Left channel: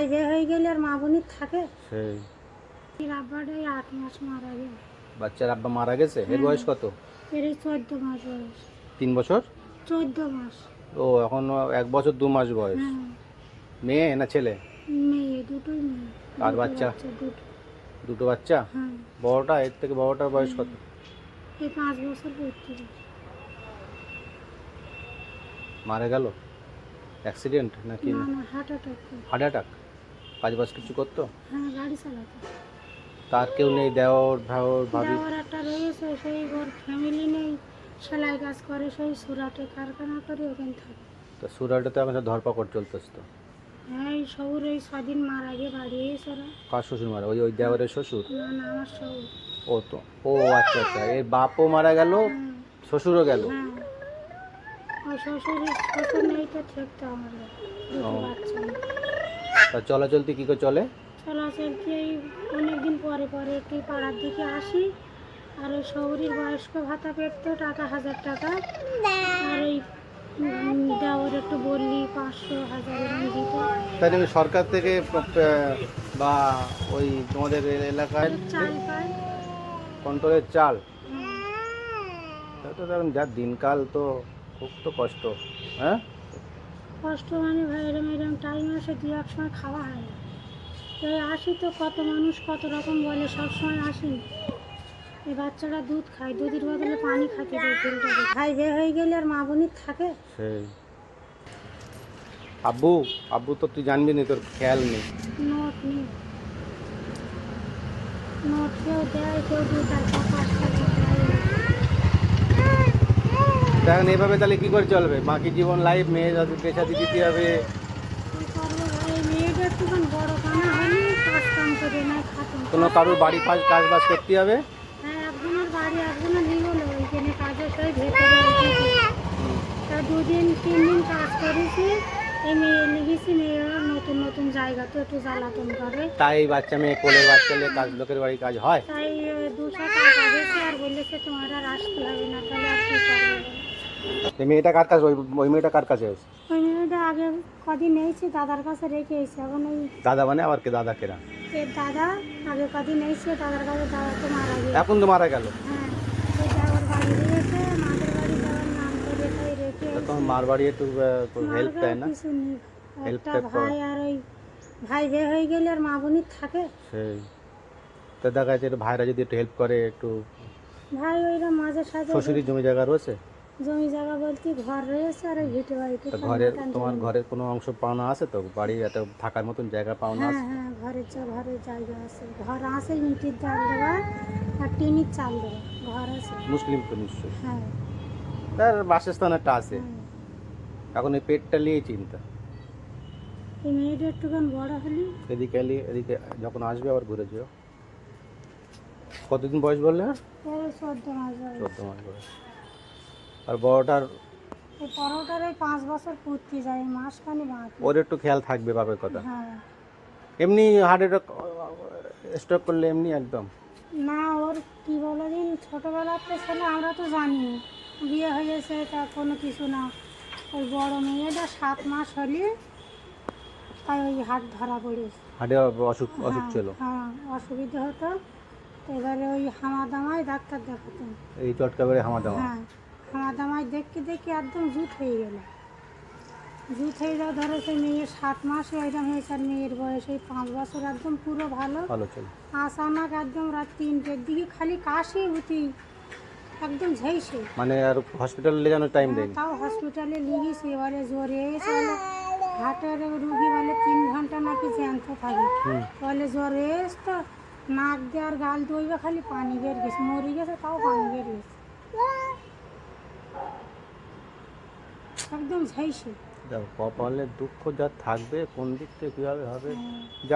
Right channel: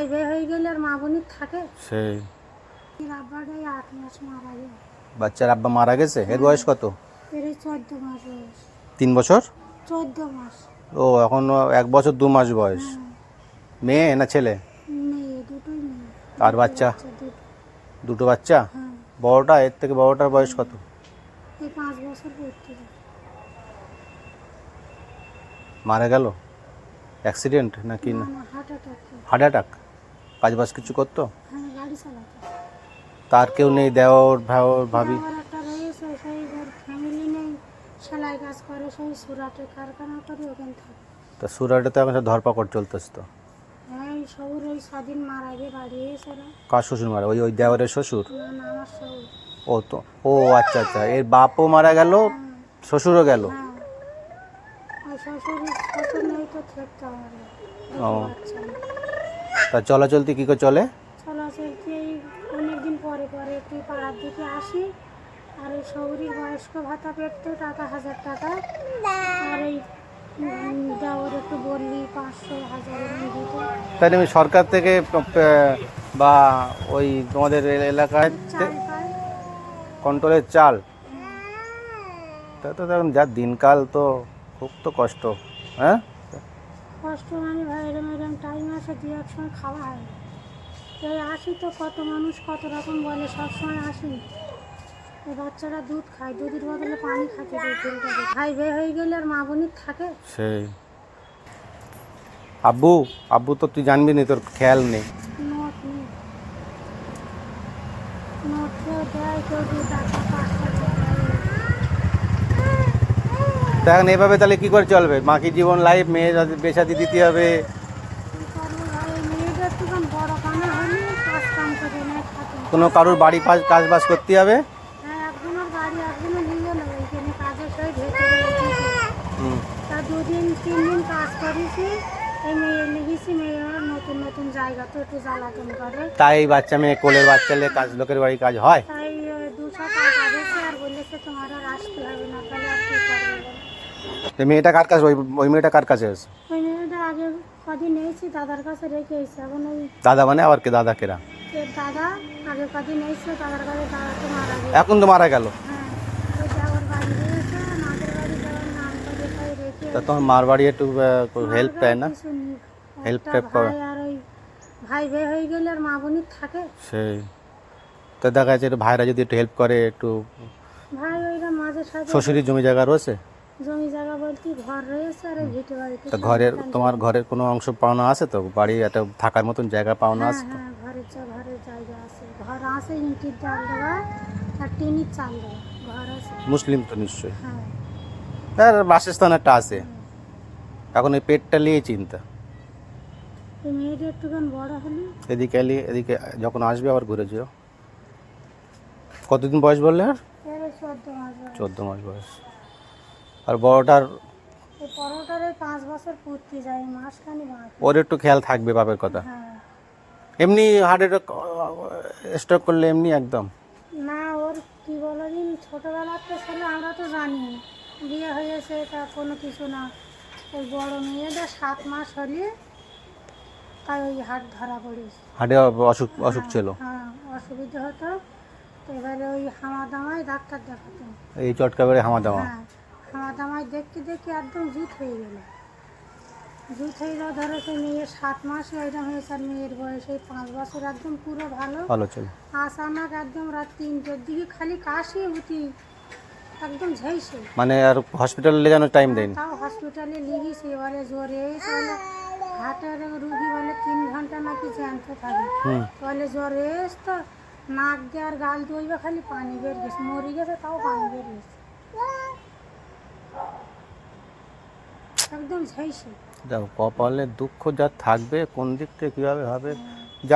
ভাই বে হয়ে গেলে আর মা বোনের থাকে? সেই। রাব্বাটাই আট মাস মারা গেল বাচ্চার আব্বা মারা গেছে? এর বয়স কত? এর চোদ্দ মাস বয়স। তিন বছর? চোদ্দ মাস। ও এখন এক বছর দু মাস বয়স। হ্যাঁ। মেয়ে না ছেলে? মেয়ে দুটোই মেয়ে। আর বাচ্চা? দুটো। বাচ্চা? হ্যাঁ। বড়টা এর থেকে বড়টার বয়স কত? এই পাঁচ বছর পড়তে মারা গেল? অ্যাক্সিডেন্ট নাকি হার্ট অ্যাটাক। Heart attack? কাজ বাজ কিছু করতো? হ্যাঁ গাড়ি চালাতো। তার কেউ নেই দেওর ভাওর ভাবি? যাওয়ার একটা রয়েছে সেই ওর ফ্যামিলি নেই। সেলাই কাজ করে সেই সুরাটে কারখানা করে ওখানে থাকে। তো সুরাটে তো এখন সব ধরপাকড় চলতেছে তো। হ্যাঁ এই সবুর এই স্বাধীন মার আগে বাড়ি এসে। কার শ্বশুর মারা ওই ওই দেওয়ারের শ্বশুর? না না আমার সবুর ও তো ও আচ্ছা আচ্ছা এর বাপও মারা গেল হ্যাঁ। শ্বশুরও গেল? হ্যাঁ। ওই শ্বশুর শ্বশুর নেই তো থাকতে আমার ও। বাচ্চা নেই। তা চলাচলতি কী করে চলে? চলাচলতি এই অনেকদিন পরে পরে একটু পাড়ার দিকে আসি। আর ওই শহরের বয়স্ক ভাতা পেতো টাকা হাজার টাকা। আর ওই দেওয়ার একটু বললি পাঁচশো হাজার দিত। তাই আমি সরকার থেকে বা ওই তোমাদের এলাকায় কন্ট্রোলের চাল? তা তো দেখুন যা দিনকাল তো খুব তো কষ্ট হ্যাঁ? কষ্ট মানে ভাই এরম এরম টাইম আসে দু এক সময় খাওয়া হয় না। এই আসি তো কত মানুষ কত রকম বলে সব সময় আসি। এই বাচ্চারা দুধ খায় দুধের বদলে পানি খাতে দেয় ভাই বে হয়ে গেলে আর মা বোনের থাকে? সেই। আব্বু আব্বু তো তুই জানবি না তোর খেয়াল নেই। নোট নেই। নোট কেউ দেয় কেউ দু টাকা পাঁচ টাকা দেয়। তা এখন এভাবে তাহলে কি করে চলবে? বাকি জীবন লাইফ মেয়ে পেশাদি দিতে হবে। কানা কারোর বাড়ি কাজ কাজ বাজ করতে হবে? তাই বাচ্চা মেয়ে কোলের বাচ্চা কাজ লোকের বাড়ি কাজ হয়? তাই দুশো টাকা আর তোমার আসতে হবে না, তাহলে? তো মেয়েটা কার কাছে? ওই ওই মেয়েটা কার কাছে আছে? ওই মেয়েটা আগে কদিন এসেছি দাদার কাছে রেখে এসেছি। এখন ওই দাদা মানে আবার কে? দাদা কেরা? এর দাদা আগে কদিন এসেছে দাদার কাছে দাদাকে মারা গেছে। এখন তো মারা গেল? হ্যাঁ ওই যাওয়ার বাড়ি দিয়েছে মাদের বাড়ি যাওয়ার নাম করে তাই রেখে তা তোমার মার বাড়ি একটু হেল্প দেয় না। টেপ করো। ভাই আর ওই ভাই বে হয়ে গেলে আর মা বোনের থাকে। সেই। তো দেখা যাচ্ছে ভাইরা যদি একটু হেল্প করে একটু ভাই ওইরা মাঝে সাঝে শ্বশুরের জমি জায়গা রয়েছে? জমি জায়গা বলতে ঘর রয়েছে আর ভিটে বাড়িতে তো ঘরের তোমার ঘরের কোনো অংশ পাওনা আছে তো? বাড়ি একটা থাকার মতন জায়গা পাওনা হ্যাঁ আছে হ্যাঁ ঘরের যা ঘরের জায়গা আছে। ঘর আছে ইঁটির চাল দেওয়া আর টিনির চাল দেওয়া। ঘর আছে। মুসলিম তো নিশ্চয়ই। হ্যাঁ। তার বাসস্থান একটা আছে। এখন এই পেটটা নিয়ে চিন্তা। মেয়েটা একটুখানি বড় হলে? এদিকে এলি এদিকে যখন আসবে আবার ঘুরে যেও। কতদিন বয়স বললে আর? চোদ্দ মাস বয়স। চোদ্দ মাস বয়স। আর বড়টার এই ওই পাঁচ বছর পূর্তি যায় মাসখানি বাকি। ওর একটু খেয়াল থাকবে বাপের কথা। হ্যাঁ। এমনি হার্টের স্ট্রোক করলে এমনি একদম? না ওর কি বলো দিন ছোটোবেলার তো ছেলে আমরা তো জানি। বিয়ে হয়েছে তা কোনো কিছু না। ওই বড় মেয়েটা সাত মাস হলে তাই ওই হাত ধরা পড়েছে। হার্টে অসুখ অসুখ ছিল? হ্যাঁ অসুবিধা হতো। তো এবারে ওই হামাদামায় ডাক্তার দেখাতো। এই চটকা বেড়ে হামা দামা হ্যাঁ হামাদামায় দেখতে দেখে একদম জুত হয়ে গেল। জুত হয়ে যাওয়া ধরো সেই মেয়ের সাত মাসে ওইরকম হয়েছে আর মেয়ের বয়স এই পাঁচ বছর একদম পুরো ভালো। আসানাক একদম রাত তিনটের দিকে খালি কাশি উঠি একদম ঝাইছে মানে আর হসপিটালে যেন টাইম দেয়নি। তাও হসপিটালে লিগেছি বলে জ্বরে এসে হার্টের রুগী বলে তিন ঘণ্টা নাকি জ্যান্ত থাকে। বলে জ্বরে এস তো নাক দিয়ে আর গাল দইবে খালি পানি বের গেছে মরে গেছে তাও পানি বের গেছে একদম ঝাইছে দেখো কপালে দুঃখ যা থাকবে কোন দিক থেকে কীভাবে হবে যা